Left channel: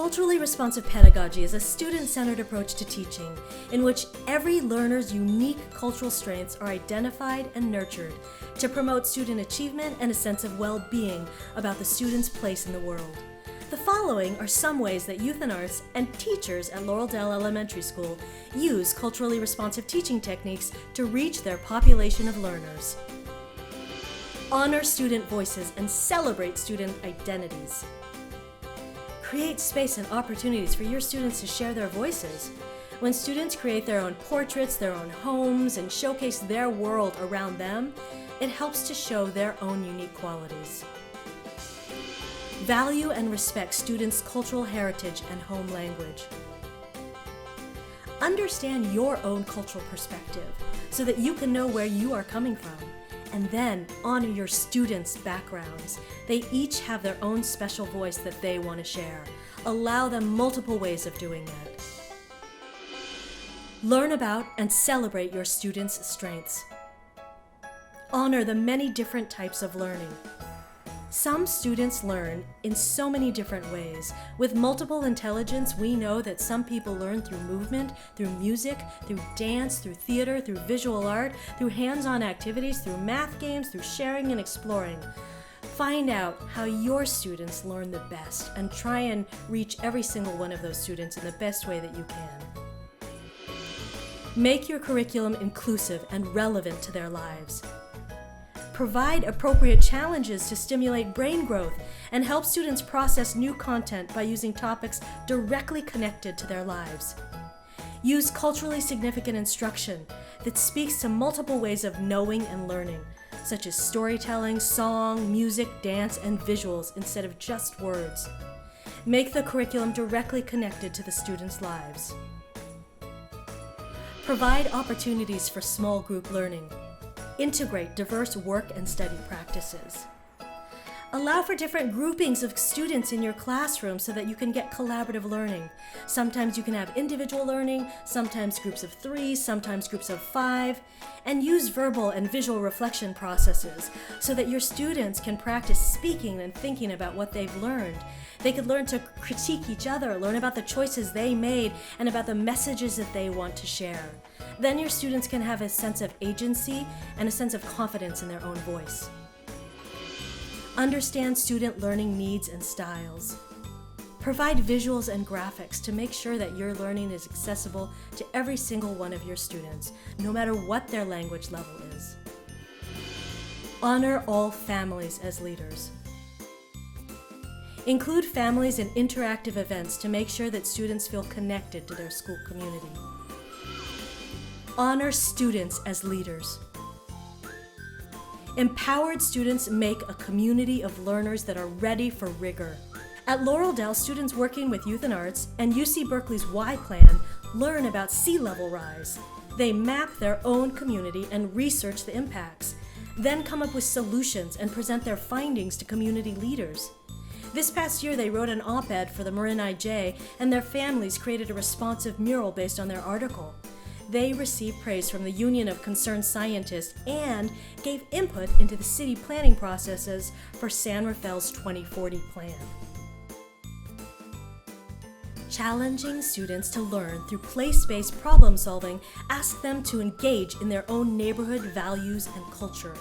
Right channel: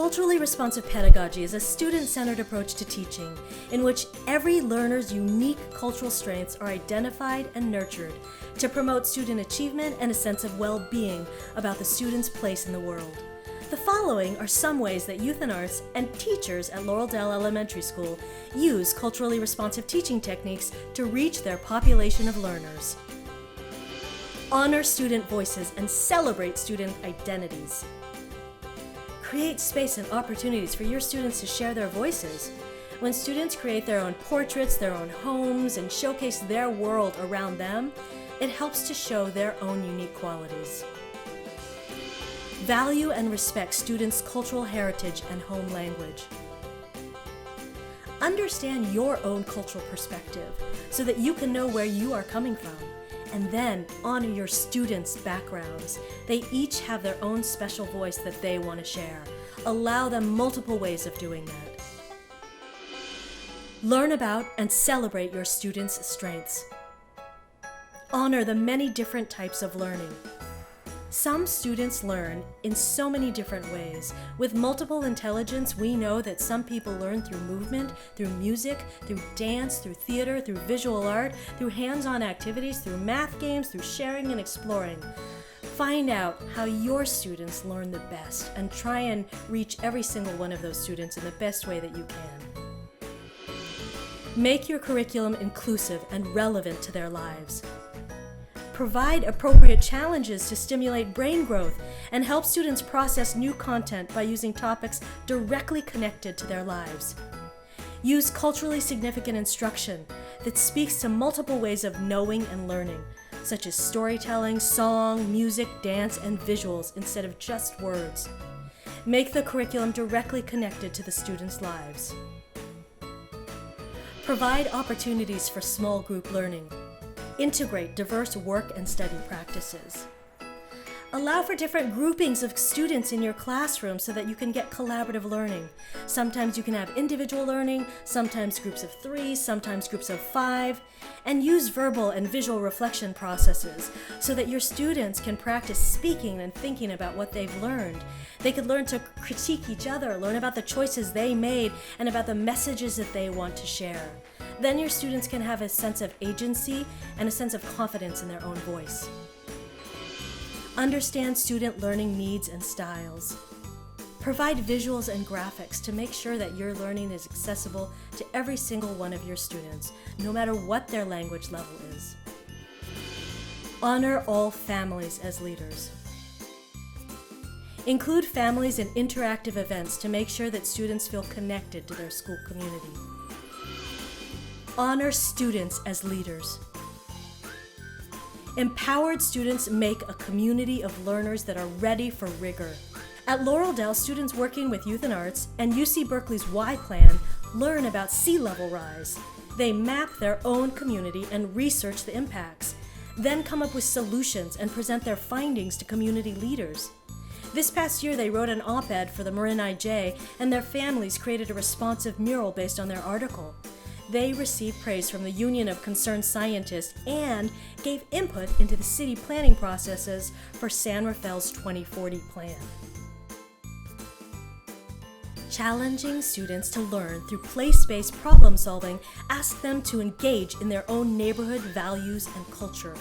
Culturally responsive pedagogy is a student-centered approach to teaching in which every learner's unique cultural strengths are identified and nurtured to promote student achievement and a sense of well-being about the student's place in the world. The following are some ways that youth and arts and teachers at Laurel Dell Elementary School use culturally responsive teaching techniques to reach their population of learners. Honor student voices and celebrate student identities. Create space and opportunities for your students to share their voices. When students create their own portraits, their own homes, and showcase their world around them, it helps to show their own unique qualities. Value and respect students' cultural heritage and home language. Understand your own cultural perspective so that you can know where you are coming from. And then honor your students' backgrounds. They each have their own special voice that they want to share. Allow them multiple ways of doing that. Learn about and celebrate your students' strengths. Honor the many different types of learning. Some students learn in so many different ways. With multiple intelligence, we know that some people learn through movement, through music, through dance, through theater, through visual art, through hands-on activities, through math games, through sharing and exploring. Find out how your students learn the best and try and reach every single one of those students in the best way that you can. Make your curriculum inclusive and relevant to their lives. Provide appropriate challenges to stimulate brain growth and help students process new content by using topics directly connected to their lives. Use culturally significant instruction that speaks to multiple ways of knowing and learning, such as storytelling, song, music, dance, and visuals instead of just words. Make the curriculum directly connected to the students' lives. Provide opportunities for small group learning. Integrate diverse work and study practices. Allow for different groupings of students in your classroom so that you can get collaborative learning. Sometimes you can have individual learning, sometimes groups of 3, sometimes groups of 5, and use verbal and visual reflection processes so that your students can practice speaking and thinking about what they've learned. They could learn to critique each other, learn about the choices they made, and about the messages that they want to share. Then your students can have a sense of agency and a sense of confidence in their own voice. Understand student learning needs and styles. Provide visuals and graphics to make sure that your learning is accessible to every single one of your students, no matter what their language level is. Honor all families as leaders. Include families in interactive events to make sure that students feel connected to their school community. Honor students as leaders. Empowered students make a community of learners that are ready for rigor. At Laurel Dell, students working with Youth and Arts and UC Berkeley's Y Plan learn about sea level rise. They map their own community and research the impacts, then come up with solutions and present their findings to community leaders. This past year, they wrote an op-ed for the Marin IJ, and their families created a responsive mural based on their article. They received praise from the Union of Concerned Scientists and gave input into the city planning processes for San Rafael's 2040 plan. Challenging students to learn through place-based problem solving, ask them to engage in their own neighborhood values and culture.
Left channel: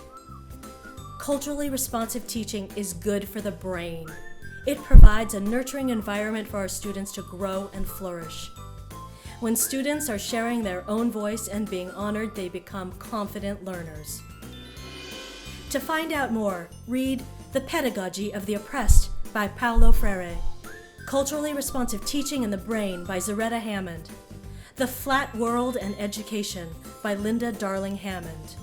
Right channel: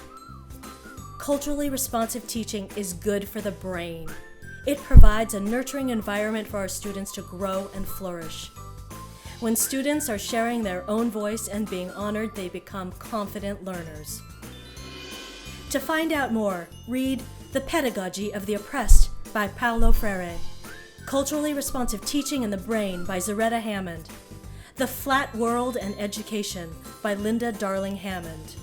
Culturally responsive teaching is good for the brain. It provides a nurturing environment for our students to grow and flourish. When students are sharing their own voice and being honored, they become confident learners. To find out more, read The Pedagogy of the Oppressed by Paulo Freire, Culturally Responsive Teaching in the Brain by Herita Hammond, The Flat World and Education by Linda Darling Hammond.